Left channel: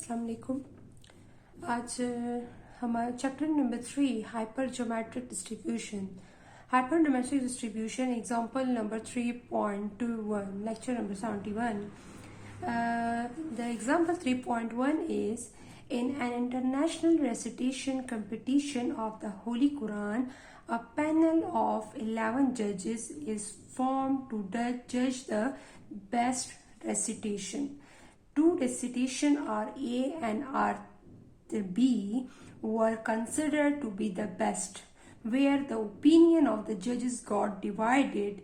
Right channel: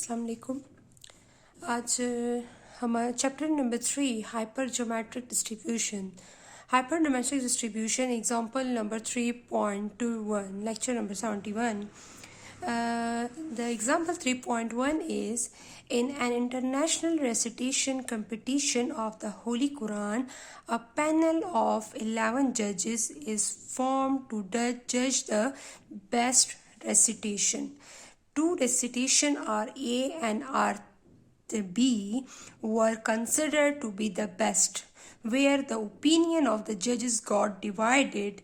अस्सलाम वालेकुम। आज हमारा chapter number 3 hyper geometric distribution example number 3.21 lecture number 71. The example 3.1 is in an international recitation competition of the Holy Quran, a panel of 11 judges is formed to judge the best recitation. Two recitation R.A. and R.B. were considered to be the best, where the opinion of the judges got divided.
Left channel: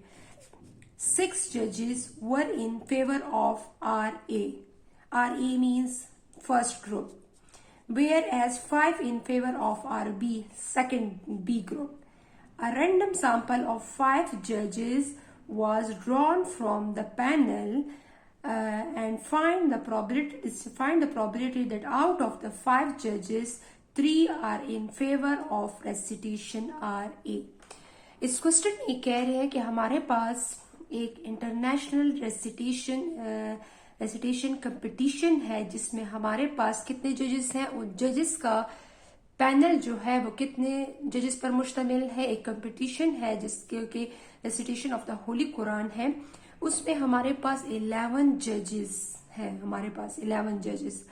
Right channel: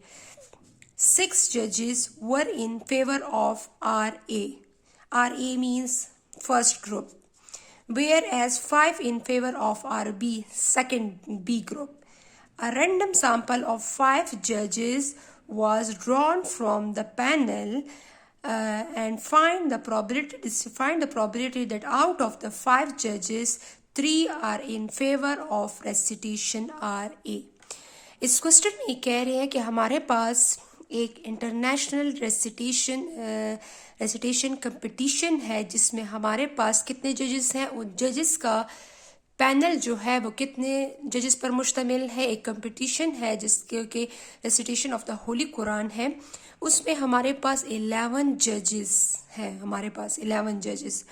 6 judges were in favor of R.A. R.A. means first group, whereas 5 in favor of R.B. second B group. A random sample of 5 judges was drawn from the panel and find the probability that out of the 5 judges 3 are in favor of recitation RA. इस question में ये कह रहे हैं कि हमारे पास एक international recitation competition है जिसमें हमारे पास कितने जजेस हैं। उन जजेस का पैनल जो है वो कितने जजेस पर मुश्तमिल है। एक कंपटीशन है जिसके के recitation of the Holi Quran है, उसमें हमारे पास 11 जजेस हैं। हमारे पास 11 जजेस,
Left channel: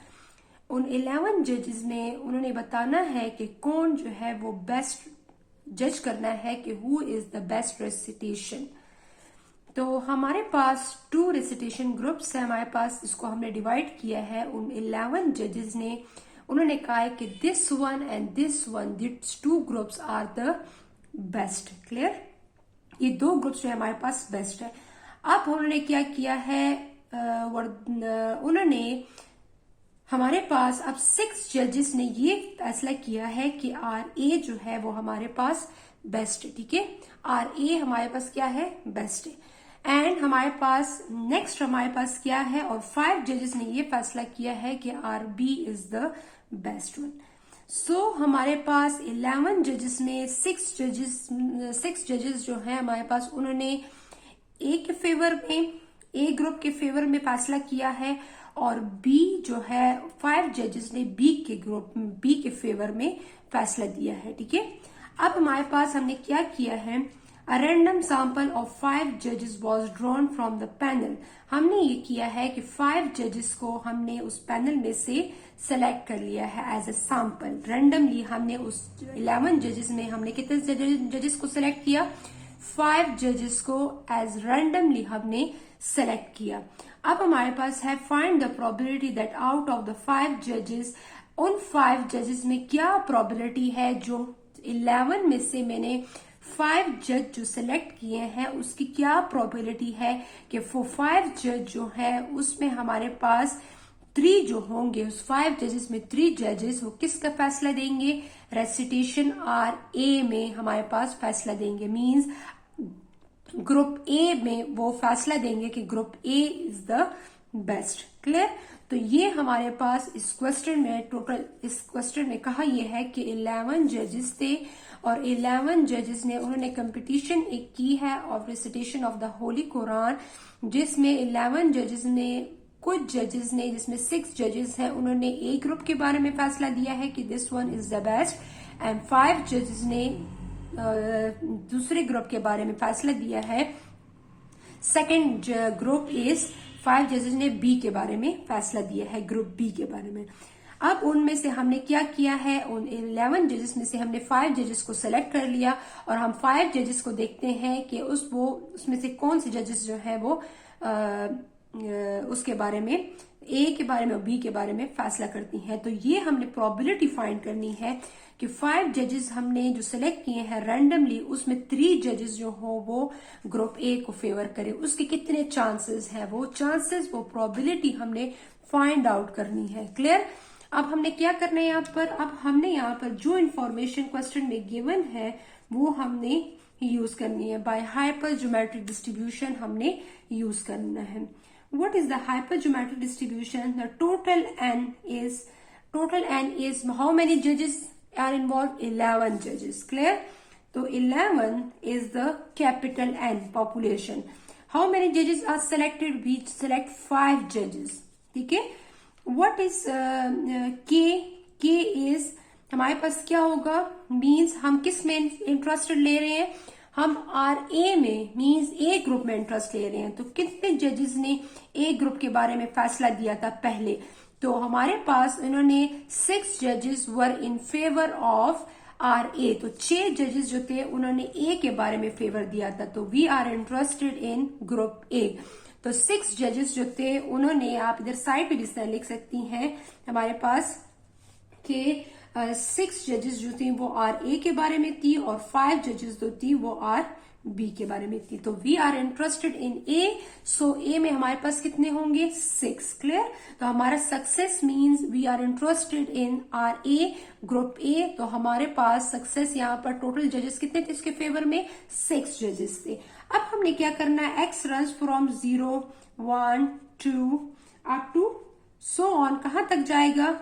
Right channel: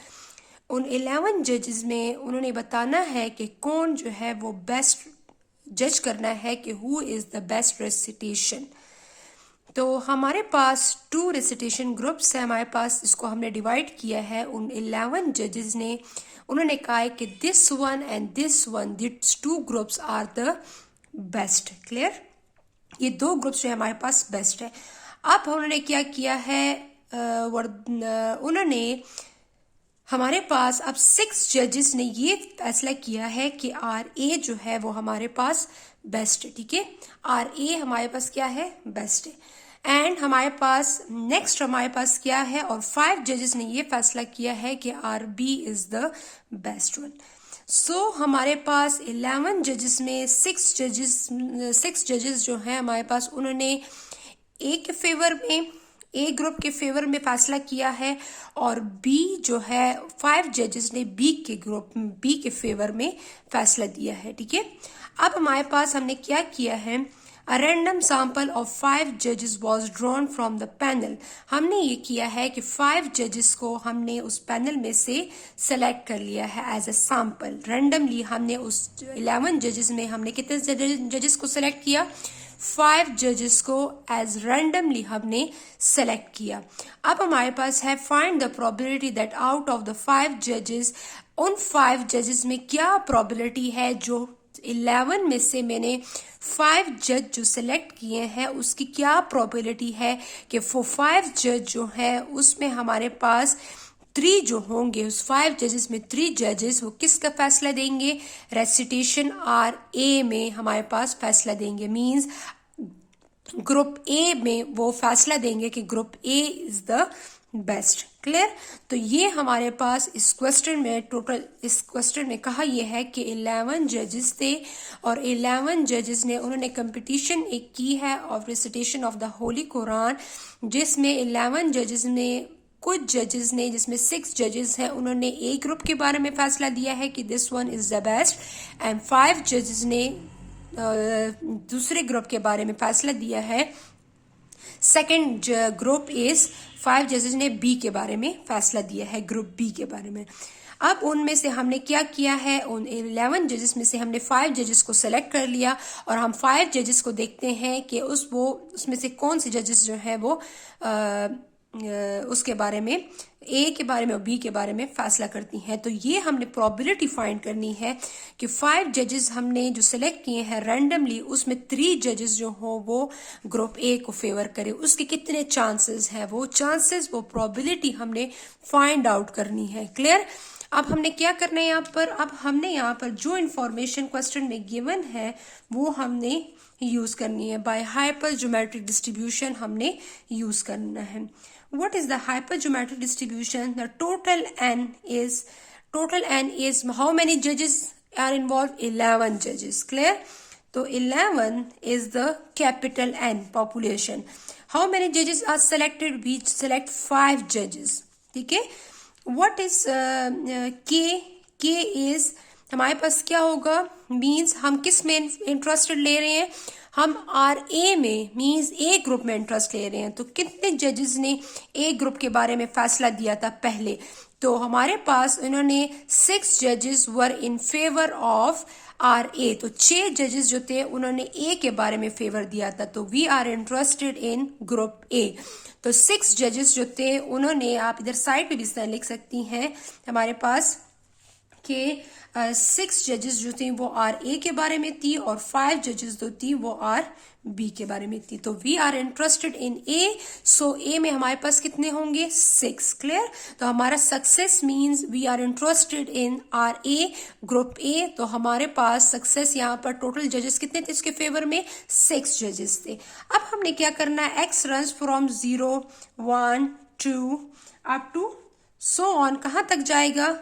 उन 11 जजेस में उन्होंने बताना है कि कौन जो है वो बेस्ट जज करना है कि who is the best recitation. तो हमारे पास 2 रेसिटेशन ग्रुप्स है, हमारे पास इसको हमने डिवाइड किया है। उन 11 जजेस ने उन्होंने कहा है कि this one and this one, this 2 groups are the best. Clear, ये 2 ग्रुप्स जो है हमारे पास बेस्ट है। अब उन्होंने क्या किया है, उन्होंने हमारे पास अब 6 जजेस ने ये फैसला किया है कि RA जो है वो हमारे पास बेस्ट है। ठीक है, RA हमारे पास क्या है, बेस्ट है। एंड हमारे पास नेक्स्ट हमारे पास क्या है, और 5 जजेस ने ये फैसला किया है कि RB is the best one. So हमारे पास 11 जजेस में 6 जजेस जो हैं हमारे पास, उन्होंने ए के फेवर में, ए ग्रुप के फेवर में फैसला किया है, और बी जो है 5 जजेस ने बी के फेवर में फैसला दिया है। ठीक है, अब हमारे पास हमने क्या किया है, A random sample of 5 judges was drawn from the panel. हमने ये किया है कि 5 judges को हमने उस पैनल में से सेलेक्ट कर लिया है एज ए सैंपल। रैंडमली हमने उस 11 जजेस में हमने कितने जजेस को सेलेक्ट किया, 5 जजेस को एज रैंडमली हमने सेलेक्ट किया। अब हमारे पास है find the probability that out of the 5 जजेस, उन 5 जजेस में क्या प्रोबेबिलिटी है, जो 11 में से मैंने 5 जज जो सेलेक्ट किए हैं उसकी क्या प्रोबेबिलिटी है कि वो 5 जज जो है उसमें हमारे पास 3 जो होंगे, उस 5 जजेस में 3 जजेस वो किसका फैसला देंगे, रेसिटेशन RA में हमारे पास फैसला देंगे। मींस ग्रुप A में वो फैसला देंगे कि group A is the best. Clear, तो ये हमारे पास इस क्वेश्चन में कहा यह है कि 11 जजेस थे, और 11 जजेस ने उन्होंने कंपटीशन एक की है of recitation of the Holi Quran, जिसमें 11 जजेस में कुछ जजेस ने, जिसमें 6 जजेस हैं, उन्होंने ए ग्रुप के बारे में फैसला दिया है कि this one is the best, and 5 जजेस ने दूसरे ग्रुप के बारे में फैसला दिया है। सेकेंड ग्रुप इज 5 जजेस ने बी के बारे में फैसला दिया है, ग्रुप बी के बारे में। अब उनमें से हमने क्या किया है, उन 11 जजेस में से हमने 5 जजेस को सेलेक्ट कर लिया, और हम 5 जजेस को देखते हैं कि उसमें से कौन से जजेस जो है वो उसके बारे में, ए के बारे में और बी के बारे में फैसला करती हैं। तो ये हमने प्रोबेबिलिटी फाइंड करनी है कि 5 जजेस हमने जो सेलेक्ट किए हैं रैंडमली, उसमें 3 जजेस जो हो वो ग्रुप ए को फेवर करे, उसके कितने चांसेस हैं, वो प्रोबेबिलिटी हमने फाइंड आउट करनी है। क्लियर, अब हमने क्या करना है यहाँ पर, अब हमने यहाँ पर जो इंफॉर्मेशन क्वेश्चन में गिवन है वो हमने यूज करनी है। बाय हाइपर ज्योमेट्रिक डिस्ट्रीब्यूशन हमने यूज करना है। What is the hypergeometric distribution? The total n is how many judges are involved? 11 judges. Clear? So 11 is the capital N population. How many judges are selected? We select 5 judges. ठीक है, what is के? के is हमारे पास क्या होगा, means हम किस में इंटरेस्टेड ले रहे हैं, हम आर ए में, मीन्स ए ग्रुप में इंटरेस्ट ले रहे हैं। तो कितने जजेस ने ए ग्रुप के बारे में फैसला दिया था पहले? तो हमारे पास इन्होंने 6 जजेस वर in favour of R A. तो 6 जजेस जो थे उन्होंने ए के बारे में फेवर दिया था। तो we are interested in group A. तो 6 जजेस जो थे उन्होंने, आप इधर साइड पे भी इस तरह लिख सकती हैं हमारे पास कि 6 जजेस जो थी वो आर ए के बारे में थी और 5 जजेस जो थी वो आर बी के बारे में थी। तो we are interested in A, so A में हमारे पास कितने होंगे, 6। क्लियर? तो हमारा success means we are interested in are A group A. तो हमारे पास सक्सेस यहाँ पर टोटल जजेस कितने थे इसके फेवर में, 6 जजेस थे। अब हमने क्या करना है, X run from 0 1 2 up to so on, कहां तक जाएगा,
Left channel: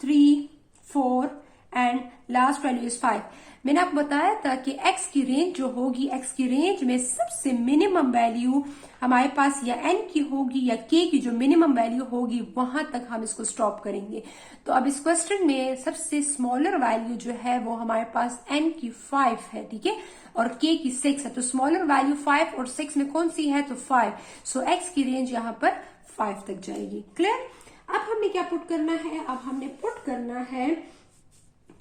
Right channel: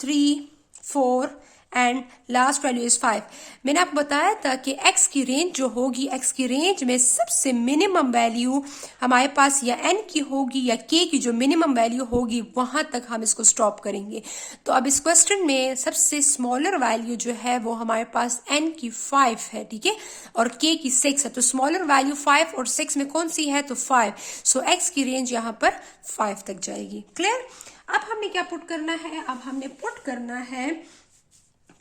3 4 एंड लास्ट वैल्यू इज 5। मैंने आपको बताया था कि x की रेंज जो होगी, x की रेंज में सबसे मिनिमम वैल्यू हमारे पास या n की होगी या k की जो मिनिमम वैल्यू होगी वहां तक हम इसको स्टॉप करेंगे। तो अब इस क्वेश्चन में सबसे स्मॉलर वैल्यू जो है वो हमारे पास n की 5 है, ठीक है, और k की 6 है। तो स्मॉलर वैल्यू 5 और 6 में कौन सी है, तो 5। सो x की रेंज यहाँ पर 5 तक जाएगी। क्लियर? अब हमने क्या पुट करना है, अब हमने पुट करना है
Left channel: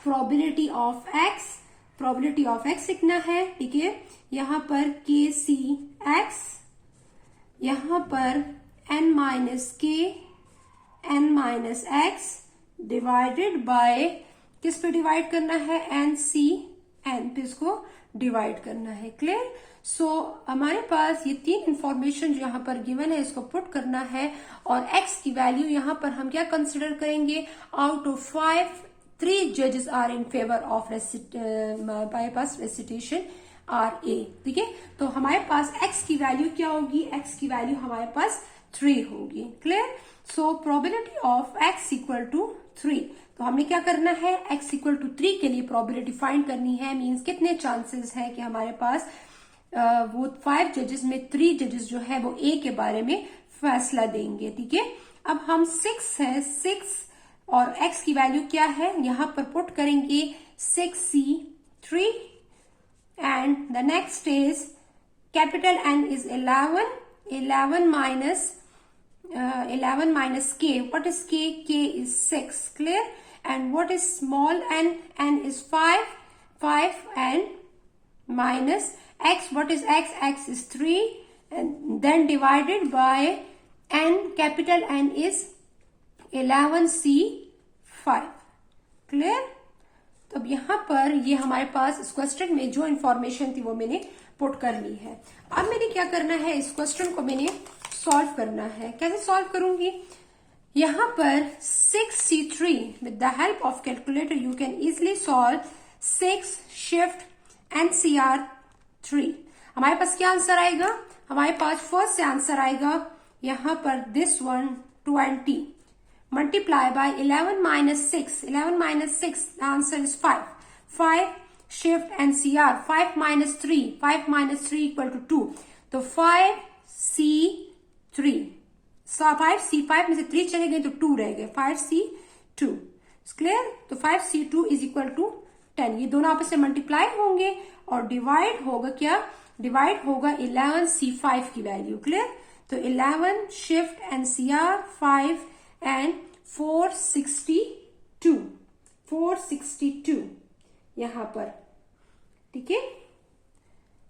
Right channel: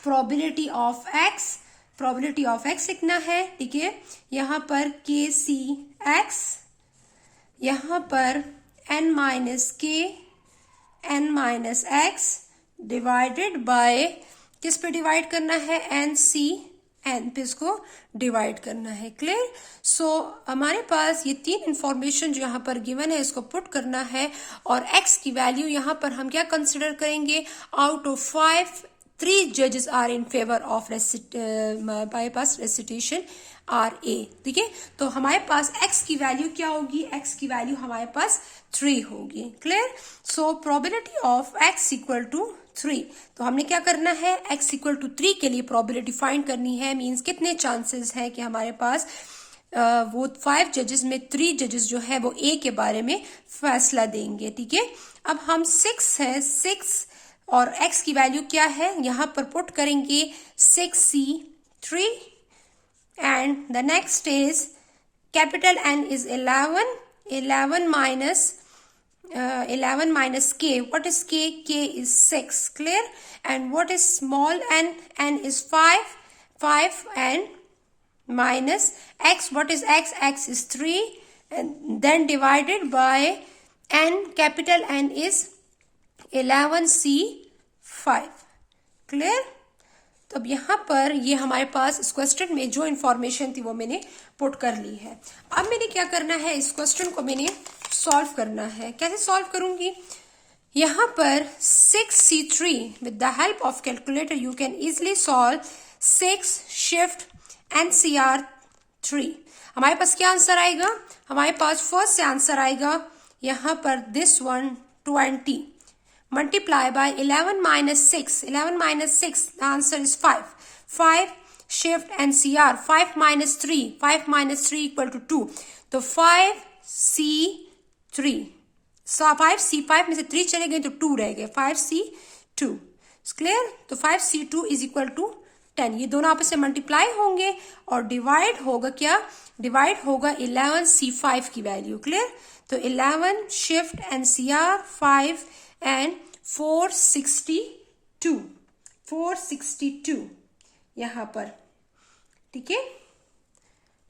probability of x. Probability of x लिखना है, ठीक है, यहां पर के सी एक्स, यहां पर N minus K N minus X divided by, किस पे डिवाइड करना है, एन सी एन पे इसको डिवाइड करना है। क्लियर? सो हमारे पास ये 3 इंफॉर्मेशन जो यहाँ पर गिवन है इसको पुट करना है और x की वैल्यू यहाँ पर हम क्या कंसिडर करेंगे, आउट ऑफ 5 3 जजेस आर इन फेवर ऑफ हमारे पास रेसिटेशन आर ए, ठीक है। तो हमारे पास x की वैल्यू क्या होगी, x की वैल्यू हमारे पास 3 होगी। Clear? So probability of x equal to 3। तो हमने क्या करना है, x इक्वल टू 3 के लिए प्रोबेबिलिटी फाइंड करनी है, मींस कितने चांसेस है कि हमारे पास वो 5 जजेस में 3 जजेस जो है वो a के बारे में फैसला देंगे, ठीक है। अब हम 6 है, 6 और x की वैल्यू क्या है, यहां पर पुट करेंगे 6c3 and the next is capital N is 11 minus k. What is k? K is 6. Clear? And what is small n? N is 5 and minus x. What is x? X is 3 and then divided by n. Capital N is 11c5. Clear? तो अब यहाँ पर ये हमारे पास इस question में जो information थी वो मैंने पुट कर ली है। अब मैंने क्या करना है, इस क्वेश्चन को मैंने सॉल्व करना है। कैसे सॉल्व करूंगी, यहाँ पर 6c3 with the help of calculator you can easily solve 6 shift NCR 3। हमारे पास क्या आंसर आएगा, हमारे पास फर्स्ट से आंसर आएगा यहाँ पर this one 20 multiply by 11 minus 6. 11 minus 6, the answer is 5. 5 shift NCR, 5 minus 3. 5 minus 3 equal to 2. तो 5C3. So 5C5 में से 3 चले गए तो 2 रह गए, 5C2. क्लियर? तो 5C2 is equal to 10। ये दोनों आपस में मल्टीप्लाई होंगे और डिवाइड होगा क्या, डिवाइड होगा 11C5 की वैल्यू। क्लियर? तो 11 शिफ्ट NCR 5 and 462 यहां पर, ठीक है,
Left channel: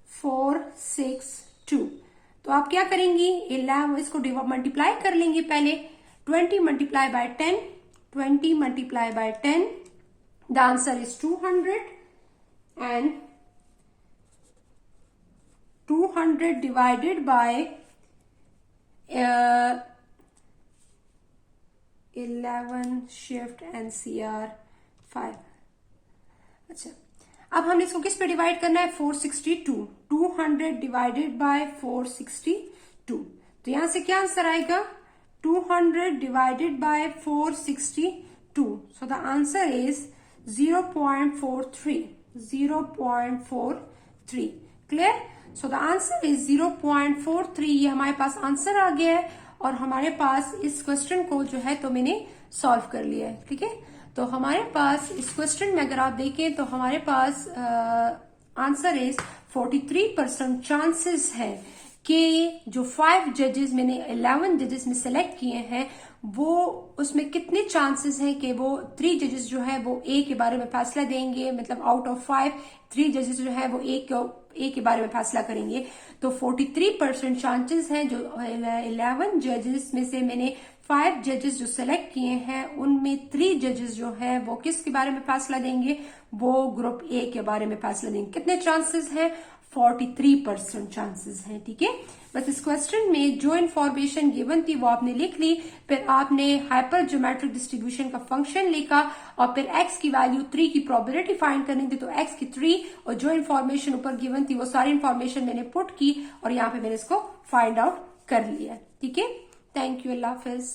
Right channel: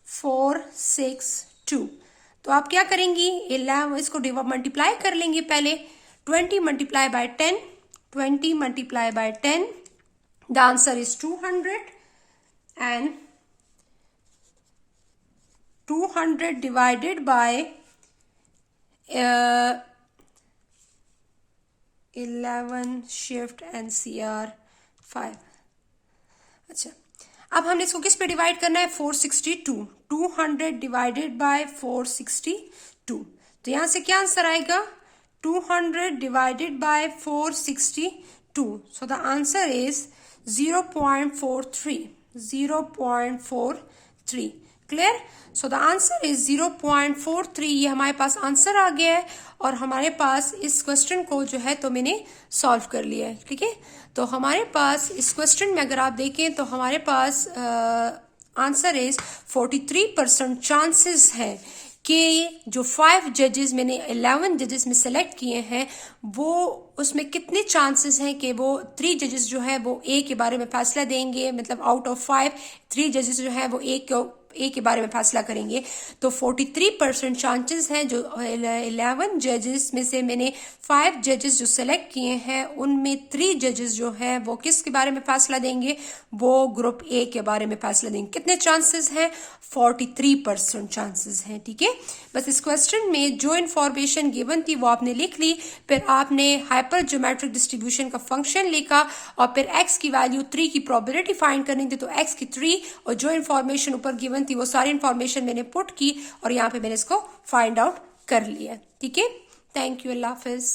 462। तो आप क्या करेंगी, 11 इसको मल्टीप्लाई कर लेंगे पहले, 20 multiply by 10, 20 multiply by 10, the answer is 200 and 200 divided by 11 shift NCR 5। अच्छा, अब हमने इसको किस पे डिवाइड करना है, 462। 200 डिवाइडेड बाय 462। तो यहां से क्या आंसर आएगा, 200 divided by 462। So the answer is 0.43। 0.43। Clear? So the answer is 0.43। ये हमारे पास आंसर आ गया है और हमारे पास इस क्वेश्चन को जो है तो मैंने सॉल्व कर लिया है। ठीक है, तो हमारे पास इस क्वेश्चन में अगर आप देखें तो हमारे पास आंसर इज 43% चांसेस है कि जो 5 जजेस मैंने 11 जजेस में सेलेक्ट किए हैं वो उसमें कितने चांसेस हैं कि वो 3 जजेस जो है वो ए के बारे में फैसला देंगे, मतलब आउट ऑफ 5 3 जजेस जो है वो ए के बारे में फैसला करेंगे। तो 43% चांसेस हैं जो 11 जजेस में से मैंने 5 जजेस जो सेलेक्ट किए हैं उनमें 3 जजेस जो है वो किसके बारे में फैसला देंगे, वो ग्रुप ए के बारे में फैसला देंगे। कितने चांसेस हैं? 43% चांसेस हैं। ठीक है, बस इस क्वेश्चन में जो इन्फॉर्मेशन गिवन थी वो आपने लिख ली, फिर आपने हाइपर ज्योमेट्रिक डिस्ट्रीब्यूशन का फंक्शन लिखा और फिर x की वैल्यू 3 की प्रोबेबिलिटी फाइंड करनी थी, तो x की 3 और जो इन्फॉर्मेशन ऊपर गिवन थी वो सारी इन्फॉर्मेशन मैंने पुट की और यहाँ पे मैंने इसको फाइंड आउट कर लिया। ठीक है, थैंक यू, अल्लाह हाफिज।